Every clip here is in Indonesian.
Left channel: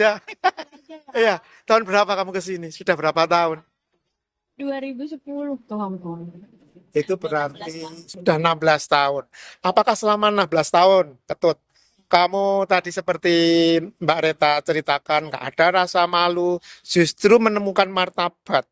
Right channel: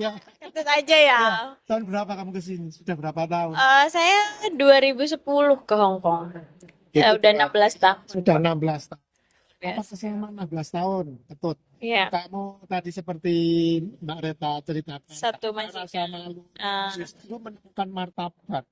aja. Catat aja ya. Iya, tahun berapa kamu ke sini? Sudah berapa tahun? Saya 2010 ke Hong Kong. Itu Udah 16 berarti tahun. sudah 16 tahun. Apakah Yes. selama 16 tahun, Ketut, Iya, kamu tadi seperti Mbak Reta ceritakan, nggak satu ada masuk. rasa malu, eh, justru menemukan martabat.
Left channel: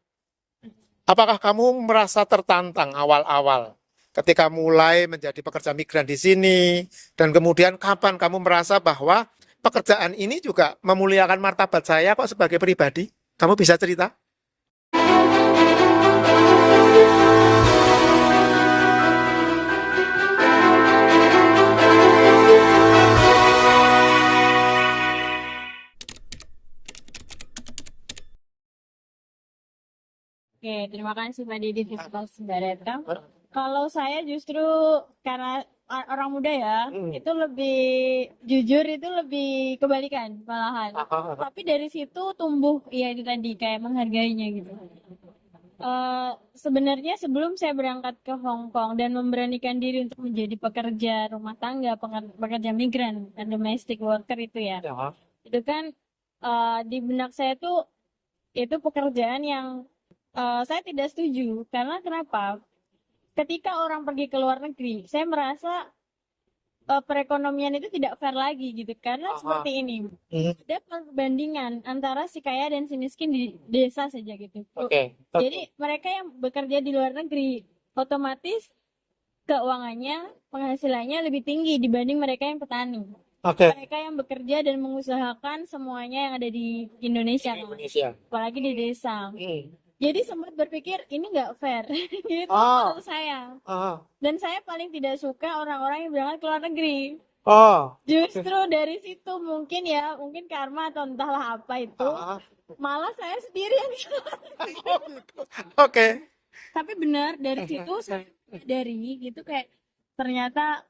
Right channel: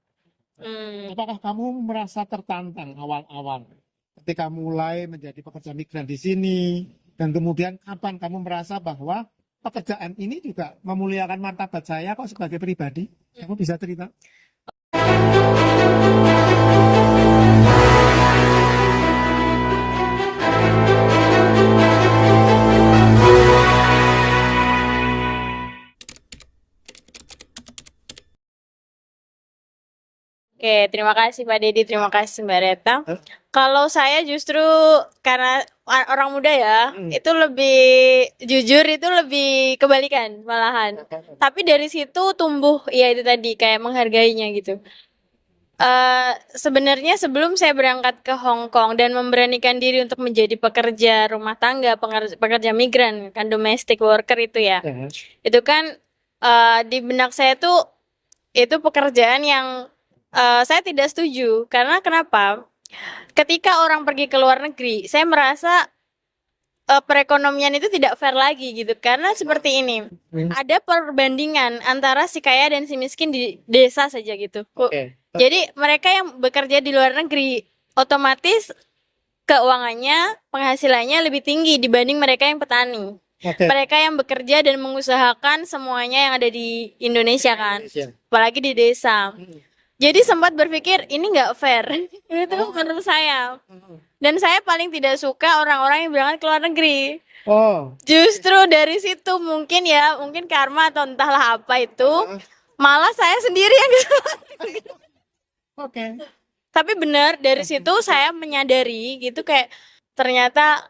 hmm, Apakah kamu merasa tertantang awal-awal ketika mulai menjadi pekerja migran di sini? Dan kemudian kapan kamu merasa bahwa pekerjaan ini juga memuliakan martabat saya kok sebagai pribadi? Kamu bisa cerita? Oke, terima kasih Pak Dedi, terima kasih Mbak Reta. Kalau saya justru karena orang muda ya, itu lebih jujur, itu lebih kebalikan malahan. Tapi dari situ tumbuh, ya itu tadi kayak menghargainya gitu. Sebenarnya sebelum saya berangkat ke Hong Kong dan memberanikan diri untuk menjadi pekerja rumah tangga, pekerja migran, kan domestic worker itu ya, itu kan di benak saya tuh itu pekerjaan yang saya tidak setuju. Karena kenapa? Ketika orang pergi ke luar negeri, saya merasa perekonomian itu tidak fair lagi gitu. Karena seperti ini, ada perbandingan antara si kaya dan si miskin di desa saja gitu. Jadi mereka yang bekerja di luar negeri otomatis keuangannya, penghasilannya lebih tinggi dibanding mereka yang petani. Mereka yang bekerja dan mengusahakan semuanya yang ada di Indonesia kan, apalagi di desa. Jadi sempat berpikir ini nggak fair, itu menurut saya. Dan saya paling tidak suka orang-orang yang berangkat ke luar negeri. Justru dari situ mungkin ya, mungkin karma atau entahlah apa itu, malah saya sendiri yang Oke. tapi benar dari situ saya menyadari gitu kayak ternyata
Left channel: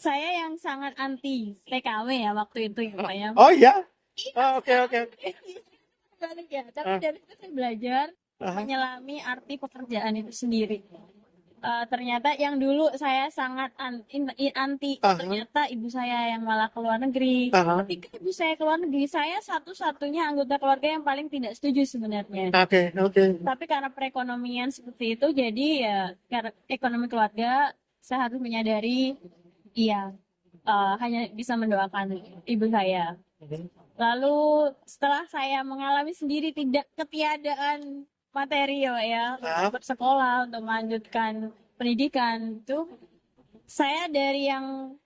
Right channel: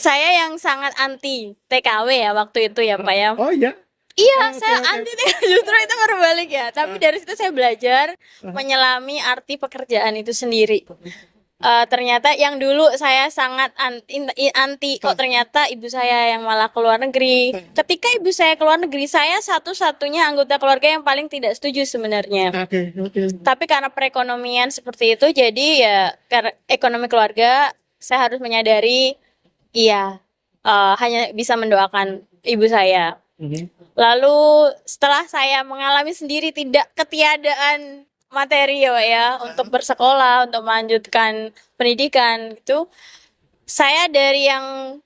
saya yang sangat anti TKW ya waktu itu ya Pak ya. Oh iya. Iya, Oh, oke, saya oke. anti TKW, justru itu berbalik ya. Tapi dari situ saya belajar menyelami arti pekerjaan itu sendiri. Ternyata yang dulu saya sangat anti, kok ternyata ibu saya yang malah keluar negeri. Ketika ibu saya keluar negeri, saya satu-satunya anggota keluarga yang paling tidak setuju sebenarnya. Tapi karena perekonomian seperti itu, jadi ya karena ekonomi keluarga, saya harus menyadari, iya, hanya bisa mendoakan ibu saya. Lalu setelah saya mengalami sendiri tidak ketiadaan materi ya untuk bersekolah, untuk melanjutkan pendidikan gitu, saya dari yang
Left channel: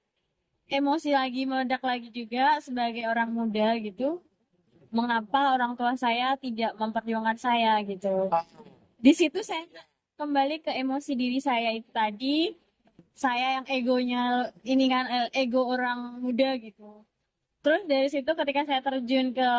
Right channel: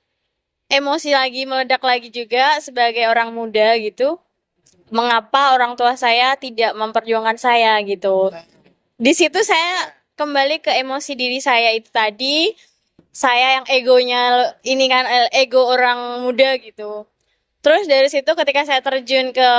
emosi lagi meledak lagi juga sebagai orang muda gitu. Mengapa orang tua saya tidak memperjuangkan saya gitu. Di situ saya kembali ke emosi diri saya itu tadi. Saya yang egonya ini kan ego orang muda gitu. Terus dari situ ketika saya terjun ke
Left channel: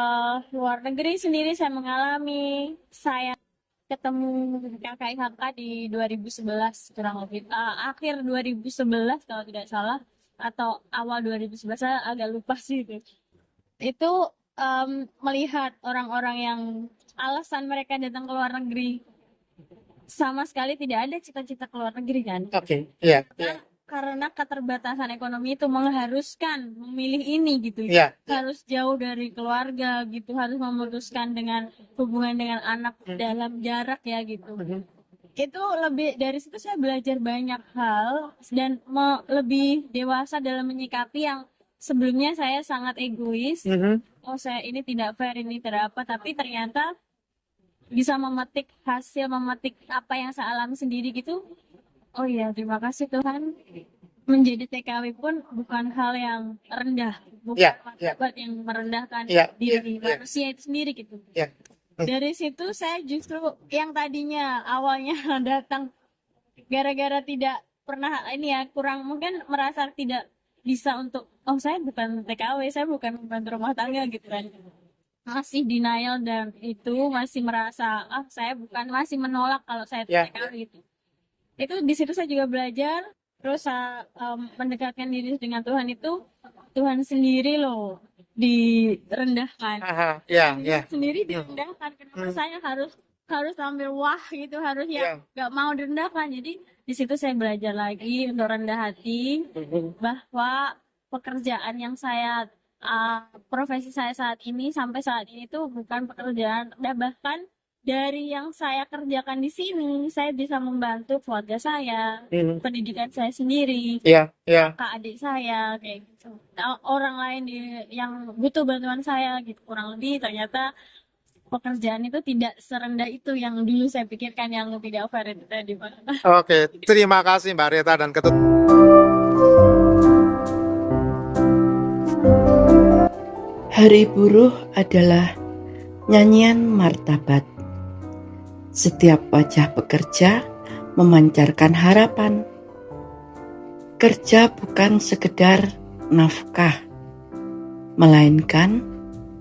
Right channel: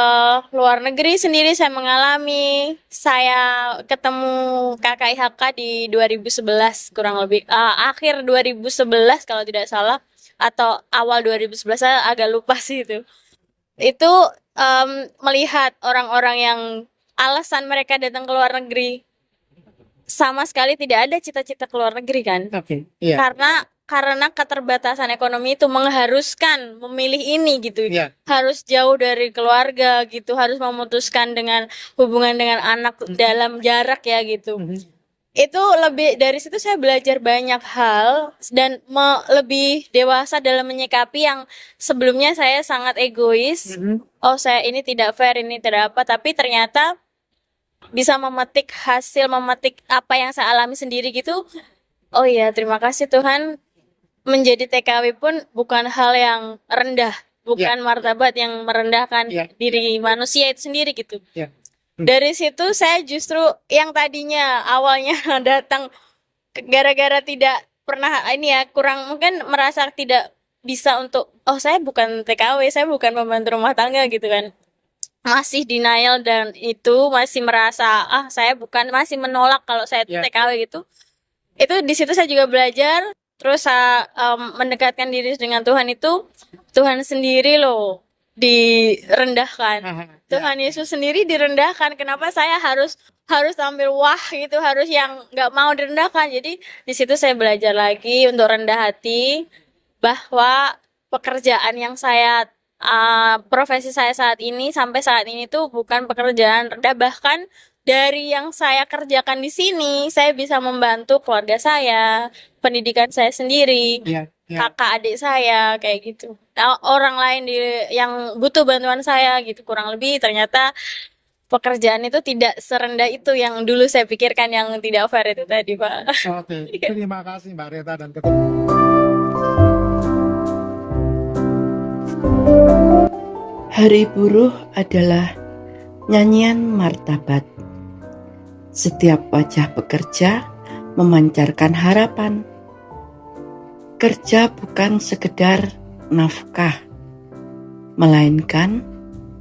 luar negeri sendiri saya mengalami, saya ketemu KKIHK di 2011 kurang lebih, akhir 2011 kalau tidak salah, atau awal 2011 saya agak lupa sih itu. Itu melihat orang-orang yang alasan mereka datang ke luar negeri sama sekali tidak ada cita-cita ke luar negeri kan. Karena keterbatasan ekonomi itu mengharuskan memilih ini gitu. Harus jauh dari keluarga gitu, harus memutuskan dengan hubungan dengan anak dalam jarak ya gitu. Itu lebih dari situ saya belajar banyak hal dan lebih dewasa dalam menyikapi yang sebelumnya saya sangat egois. Oh, saya ini tidak fair, ini tidak apa, tapi ternyata bisa memetik apa yang saya alami sendiri gitu. Oh iya, terima kasih Tuhan. Menjadi TKW pun bukan hal yang rendah, bukan martabat yang merendahkan diri manusia itu sendiri gitu. Dari situ saya justru yang tadinya awalnya datang gara-gara tidak pernah ini ya, kurang mungkin merasa tidak bisa untuk, oh saya bukan TKW, saya bukan pembantu rumah tangga gitu kan. Masih denial dan itu masih merasa saya bukan, masih menolak kalau saya TKW gitu. Itu di situ saya juga belajar terus mendekatkan diri dengan Tuhan itu, Tuhan sendiri loh direndahkan. Tuhan Yesus sendiri direndahkan. Kenapa saya harus tampil wah gitu, harus yang nggak mau direndahkan. Jadi di situ saya belajar lagi untuk rendah hati, bahwa pekerjaan yang saya profesi saya saat ini sampai saat ini tuh bukan pekerjaan rendah, bahkan dari yang saya kerjakan di sini saya bisa membantu keluarga saya, pendidikan saya sendiri, Iya, iya. kakak adik saya kayak gitu. Nah, orang lain yang butuh bantuan saya gitu, kurang lebih ternyata pekerjaan itu tidak serendah itu yang dulu saya pikirkan, yang tidak fair itu tadi, Pak. Oke, terima kasih Mbak Reta dan Ketut. Hari Buruh adalah nyanyian martabat. Setiap wajah pekerja memancarkan harapan. Kerja bukan sekedar nafkah, melainkan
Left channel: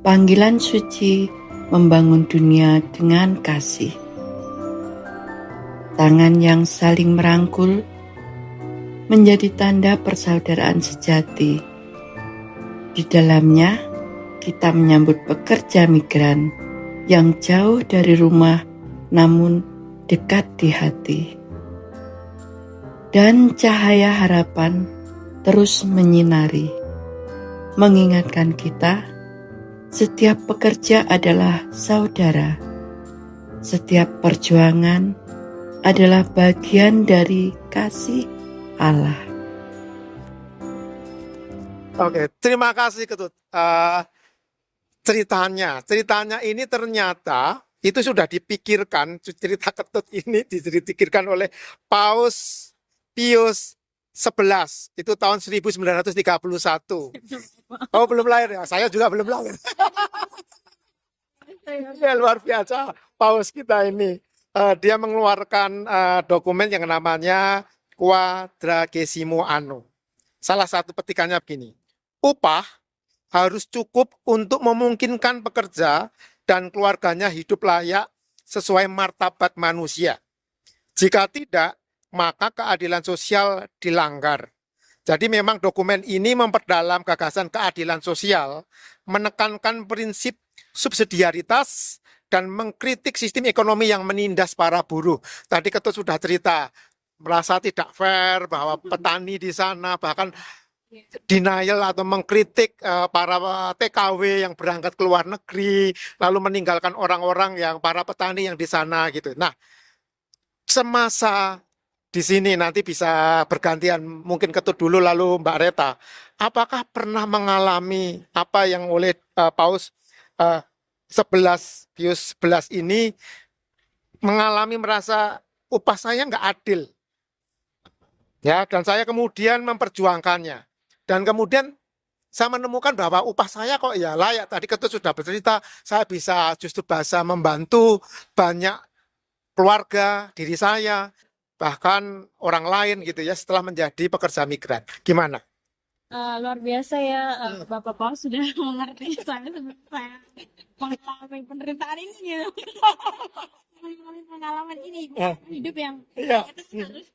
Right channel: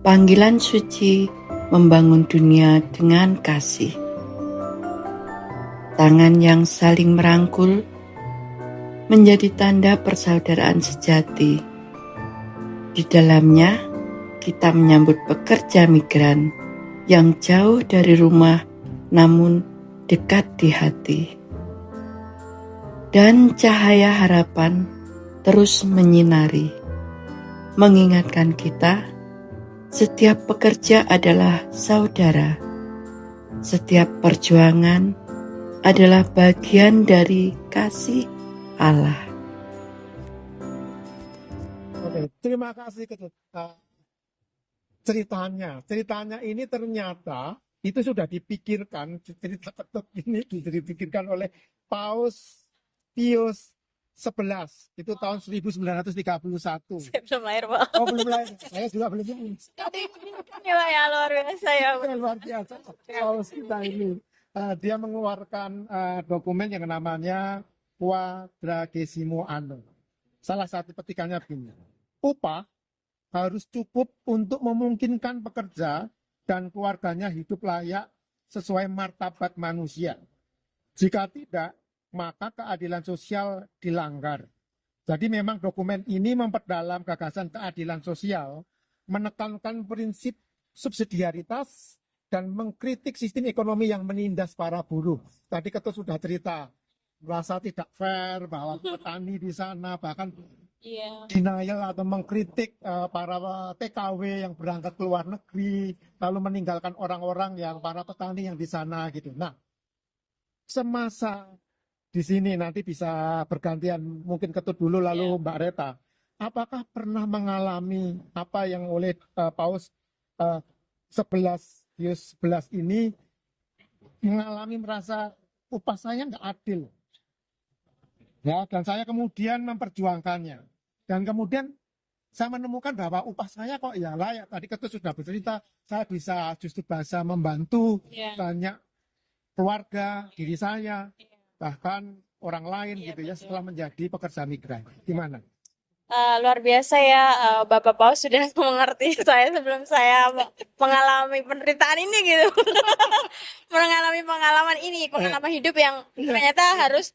panggilan suci membangun dunia dengan kasih. Tangan yang saling merangkul menjadi tanda persaudaraan sejati. Di dalamnya, kita menyambut pekerja migran yang jauh dari rumah namun dekat di hati. Dan cahaya harapan terus menyinari, mengingatkan kita setiap pekerja adalah saudara. Setiap perjuangan adalah bagian dari kasih Allah. Oke, terima kasih Ketut. Ceritanya ini ternyata itu sudah dipikirkan, cerita Ketut ini dipikirkan oleh Paus Pius 11, itu tahun 1931. Saya belum lahir, Pak. Oh, belum lahir ya? Saya juga belum lahir. Ini Pak, ya luar biasa ya, Pak. Ya, luar biasa Paus kita ini. Dia mengeluarkan dokumen yang namanya Quadragesimo Anno. Salah satu petikannya begini: upah harus cukup untuk memungkinkan pekerja dan keluarganya hidup layak sesuai martabat manusia. Jika tidak, maka keadilan sosial dilanggar. Jadi memang dokumen ini memperdalam gagasan keadilan sosial, menekankan prinsip subsidiaritas, dan mengkritik sistem ekonomi yang menindas para buruh. Tadi Ketut sudah cerita, merasa tidak fair bahwa petani di sana bahkan denial atau mengkritik para TKW yang berangkat ke luar negeri, lalu meninggalkan orang-orang yang para petani yang di sana gitu. Nah, semasa di sini nanti bisa bergantian, mungkin Ketut dulu lalu Mbak Reta. Apakah pernah mengalami apa yang oleh Paus 11 Pius 11 ini mengalami, merasa upah saya nggak adil? Ya, dan saya kemudian memperjuangkannya. Dan kemudian saya menemukan bahwa upah saya kok ya layak. Tadi Ketut sudah bercerita, saya bisa justru bahasa membantu banyak keluarga, diri saya, bahkan orang lain gitu ya, setelah menjadi pekerja migran. Gimana? Luar biasa ya, Bapak Paus sudah mengerti saya sebelum saya mengalami penderitaan ini gitu. Mengalami pengalaman ini, pengalaman hidup yang ternyata harus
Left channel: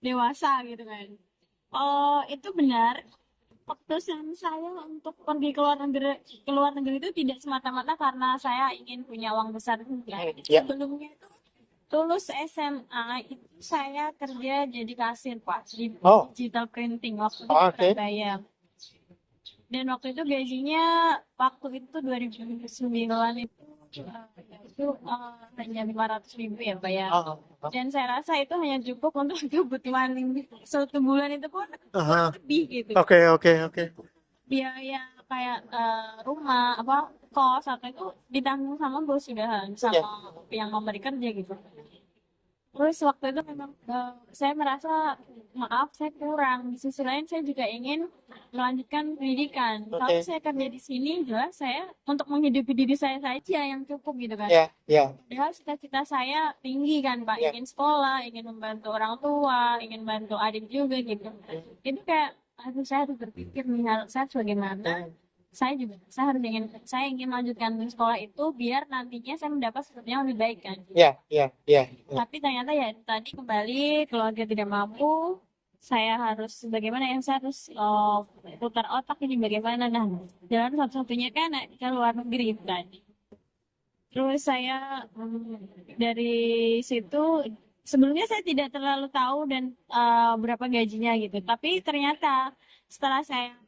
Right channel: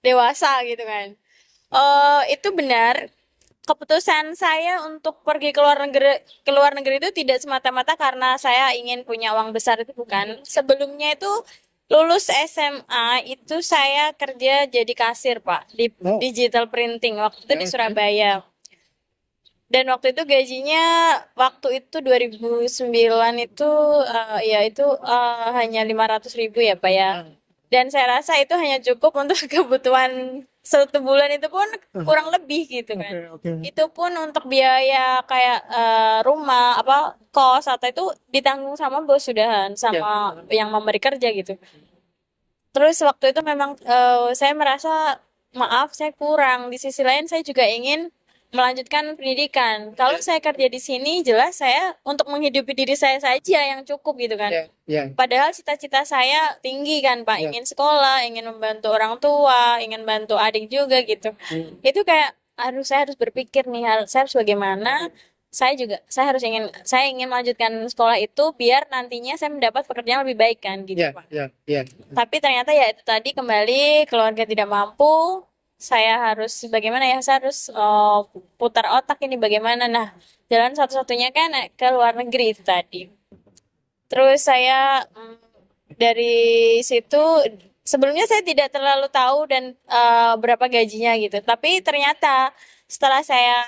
dewasa gitu kan. Itu benar. Keputusan saya untuk pergi ke luar negeri itu tidak semata-mata karena saya ingin punya uang besar, itu bukan. Sebelumnya itu lulus SMA itu saya kerja jadi kasir, Pak, di digital printing waktu itu di Surabaya. Dan waktu itu gajinya waktu itu 2009 itu ya itu hanya 500.000 ya, Pak ya. Dan saya rasa itu hanya cukup untuk kebutuhan satu bulan, itu pun kurang lebih gitu kan. Itu pun untuk biaya kayak rumah, kos atau itu ditanggung sama bos sudahan, sama yang memberi kerja gitu. Terus waktu itu memang saya merasa maaf saya kurang. Di sisi lain saya juga ingin melanjutkan pendidikan. Kalau saya kerja di sini jelas saya untuk menghidupi diri saya saja yang cukup gitu kan. Padahal cita-cita saya tinggi kan, Pak. Ingin sekolah, ingin membantu orang tua, ingin bantu adik juga gitu. Itu kayak saya harus berpikir nih, saya harus bagaimana. Saya ingin melanjutkan sekolah itu biar nantinya saya mendapat pekerjaan lebih baik kan gitu, Pak. Tapi ternyata ya itu tadi, kembali keluarga tidak mampu. Saya harus bagaimana ya, saya harus putar otak ini bagaimana. Nah, jalan satu-satunya kan ke luar negeri itu tadi. Terus saya dari situ, sebelumnya saya tidak terlalu tahu dan berapa gajinya gitu. Tapi ternyata setelah saya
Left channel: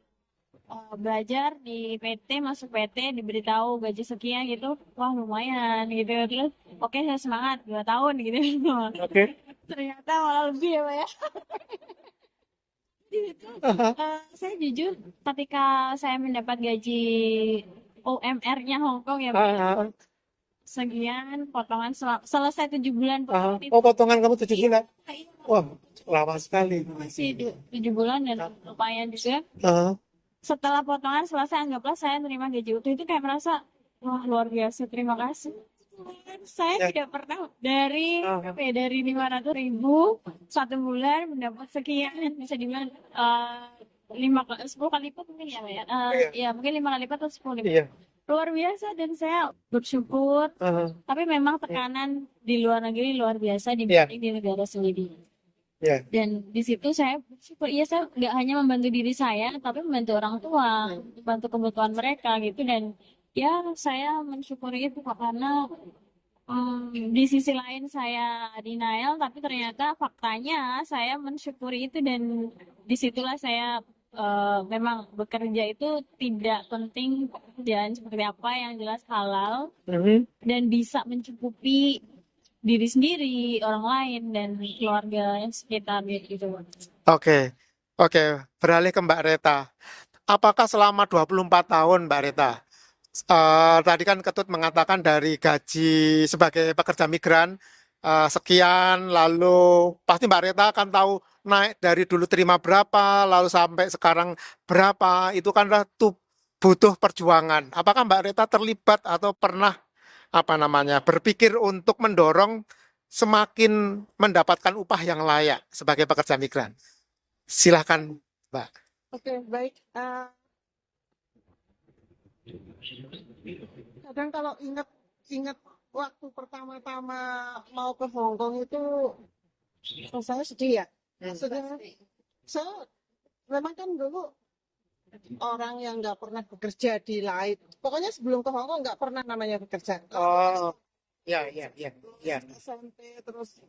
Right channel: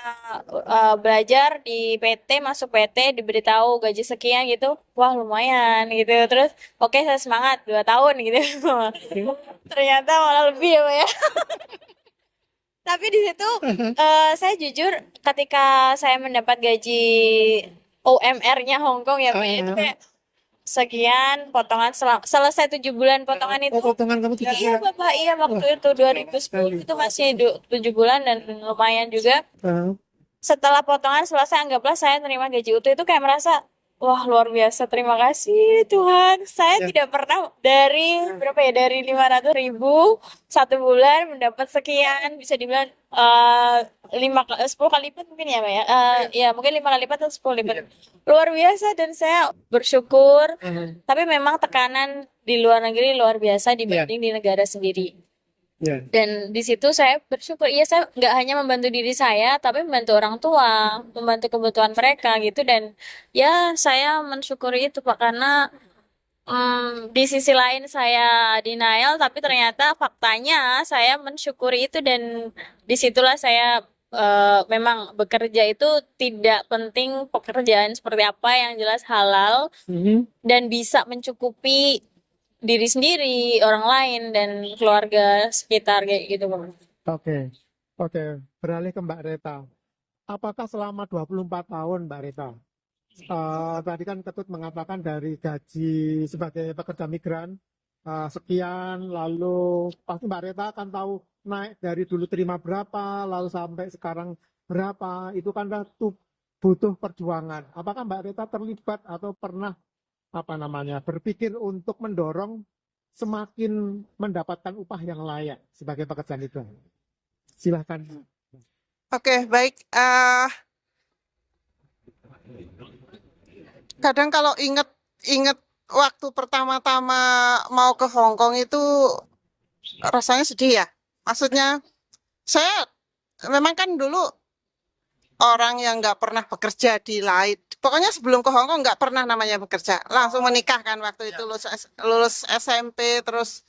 belajar di PT, masuk PT, diberitahu gaji sekian gitu, wah lumayan gitu. Terus oke saya semangat 2 tahun gitu. Oke. Ternyata malah lebih ya Pak ya. Tapi di situ saya jujur ketika saya mendapat gaji UMR-nya Hong Kong ya Pak ya, itu kayak sekian potongan selesai 7 bulan potongan itu. Oh, potongan kamu 7 Iya bulan. Bapak, iya waktu Wah, itu lama 2010 sekali. itu masih 7 bulan dan lumayan juga. Heeh. Setelah potongan selesai anggaplah saya terima gaji utuh, itu kayak merasa wah luar biasa, terima kasih Tuhan, saya Ya. tidak pernah dari berapa ya, dari 500.000 1 bulan mendapat sekian, bisa dibilang 10 kali lipat mungkin ya Pak ya. Ya mungkin 5 kali lipat atau 10 lipat, Iya. luar biasa dan saya bersyukur. Heeh. Tapi memang tekanan di luar negeri luar biasa dibanding di negara sendiri. Ya. Dan di situ saya bersyukur, iya saya nggak hanya membantu diri saya, tapi membantu orang tua, membantu kebutuhan mereka gitu. Dan ya saya mensyukuri itu Pak, karena di sisi lain saya denial, tapi ternyata faktanya saya mensyukuri itu. Dan disitulah saya memang bekerja itu tidak penting pekerjaan seperti apa, yang jelas halal Mhm. dan bisa mencukupi diri sendiri, orang lain, dan keluarga sekitar kayak gitu Pak. Oke. Oke, beralih ke Mbak Reta. Apakah selama 24 tahun Mbak Reta, tadi kan Ketut mengatakan dari gaji sebagai pekerja migran sekian, lalu pasti Mbak Reta akan tahu naik dari dulu terima berapa, lalu sampai sekarang berapa, itu kan butuh perjuangan. Apakah Mbak Reta terlibat atau pernah berpikir untuk mendorong semakin mendapatkan upah yang layak sebagai pekerja migran? Silahkan Mbak. Oke, baik. Kadang kalau inget waktu pertama-tama mau ke Hong Kong itu rasanya sedih ya. Maksudnya saya memang kan dulu orang yang nggak pernah bekerja di lain. Pokoknya sebelum ke Hong Kong nggak pernah namanya bekerja. Langsung Oh, menikah kan waktu ya, itu ya, ya, lulus ya. SMP, terus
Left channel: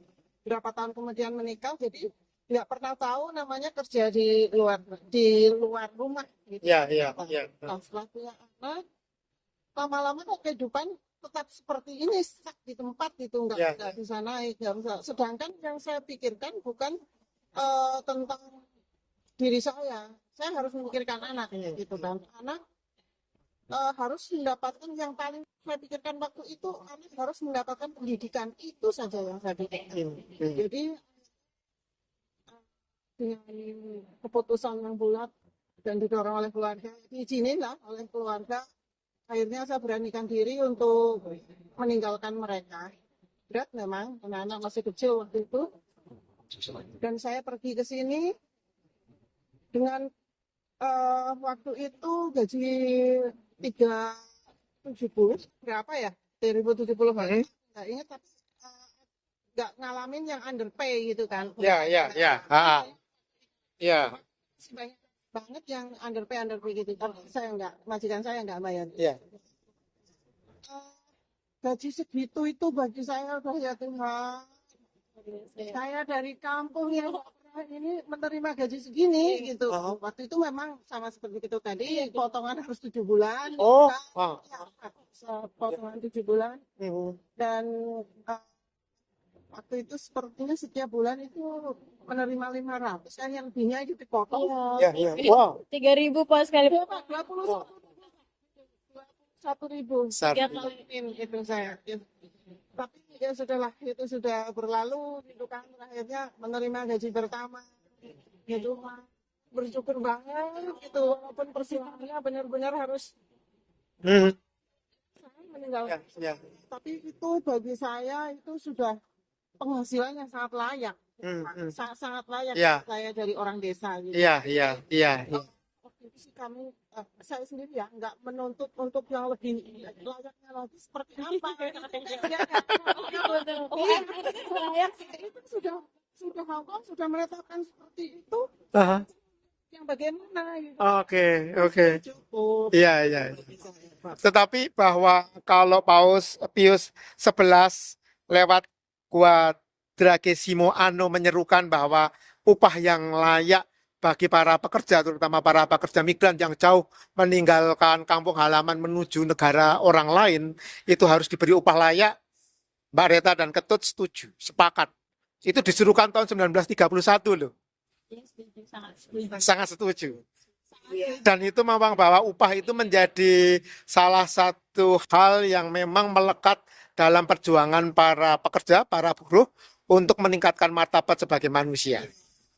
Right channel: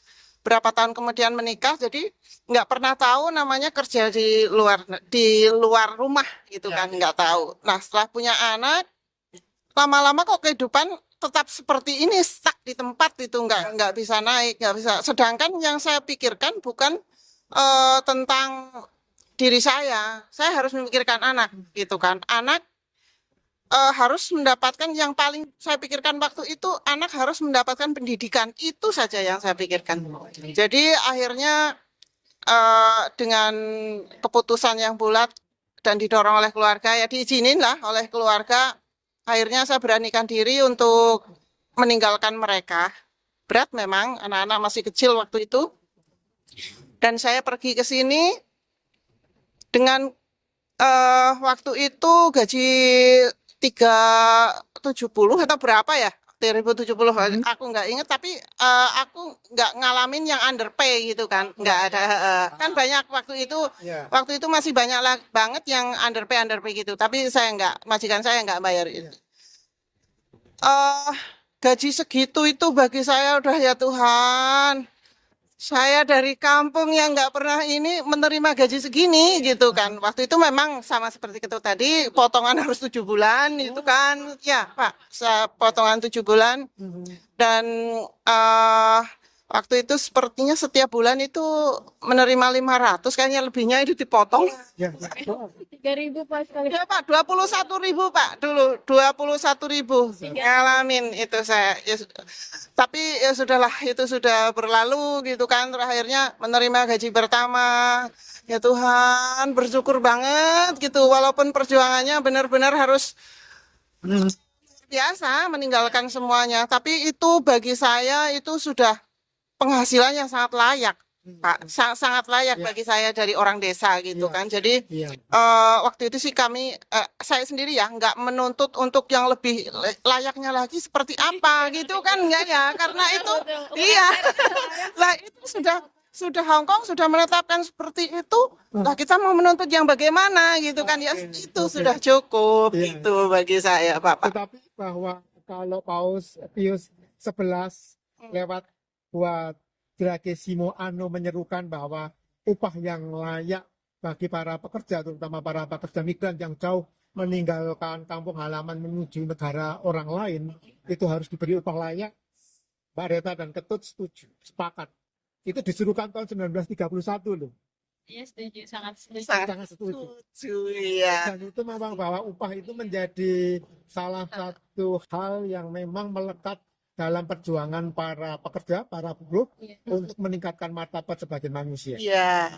berapa tahun kemudian menikah. Jadi nggak pernah tahu namanya kerja di luar rumah gitu Ya, kan, ya, nggak tahu. ya. Nah setelah punya anak, lama-lama kok kehidupan tetap seperti ini, stuck di tempat itu, Ya. nggak bisa naik, nggak bisa. Sedangkan yang saya pikirkan bukan tentang diri saya harus memikirkan anak gitu kan. Anak harus mendapatkan, yang paling saya pikirkan waktu itu, anak harus mendapatkan pendidikan, itu saja yang saya pikirkan. Jadi akhirnya dengan keputusan yang bulat dan didorong oleh keluarga, ya diizinin lah oleh keluarga, akhirnya saya beranikan diri untuk meninggalkan mereka. Berat memang, anak-anak masih kecil waktu itu. Dan saya pergi ke sini dengan waktu itu gaji 370 atau berapa ya? 2070, aku nggak inget, tapi aku nggak ngalamin yang underpay gitu kan, nggak Ya, ada. ya, ya. Kan banyak waktu itu, Ya. masih banyak banget yang underpay gitu, tapi majikan saya nggak bayar. Ya. Gaji segitu itu bagi saya udah, ya Tuhan, saya dari kampung yang nggak pernah ini menerima gaji segini gitu kan. Waktu itu memang sama seperti itu tadi, potongan harus 7 bulan itu kan. Ya Pak, potongan 7 bulan. Dan waktu itu sepertinya setiap bulan itu menerima 500, kayaknya lebihnya itu dipotong. Ya, ya. Wow. 3.000 Pak sekali. Ya Pak, 21.000 Pak dulu, 21.000 ngalamin itu saya. Ya, tapi ya sudahlah, itu sudah berlalu gitu kan. Terakhirnya menerima gaji pertama. Ya Tuhan, bersyukur banget gitu. Walaupun perjuangannya benar-benar harus biasa meninggalkan semuanya. Tapi itu bagi saya itu sudah penghasilan yang sangat layak. Pak, sangat layak bagi saya dari orang desa gitu kan. Jadi waktu itu sih saya sendiri ya nggak menuntut untuk yang lebih layaknya lagi seperti apa gitu kan, enggak ya, karena itu iya lah, itu sudah Hong Kong sudah menetapkan seperti itu. Nah, kita mau menuntut yang bagaimana gitu kan. Ya itu sudah cukup gitu bagi saya Pak. Tetapi bahwa kalau Paus Pius XI lewat Quadragesimo Anno menyerukan bahwa upah yang layak bagi para pekerja, terutama para pekerja migran yang jauh meninggalkan kampung halaman menuju negara orang lain, itu harus diberi upah layak. Mbak Reta dan Ketut setuju, sepakat. Itu disuruhkan tahun 1931 loh. Iya, setuju, sangat setuju. Sangat setuju. Iya. Dan itu memang bahwa upah itu menjadi salah satu hal yang memang melekat dalam perjuangan para pekerja, para buruh untuk meningkatkan martabat sebagai manusia. Iya.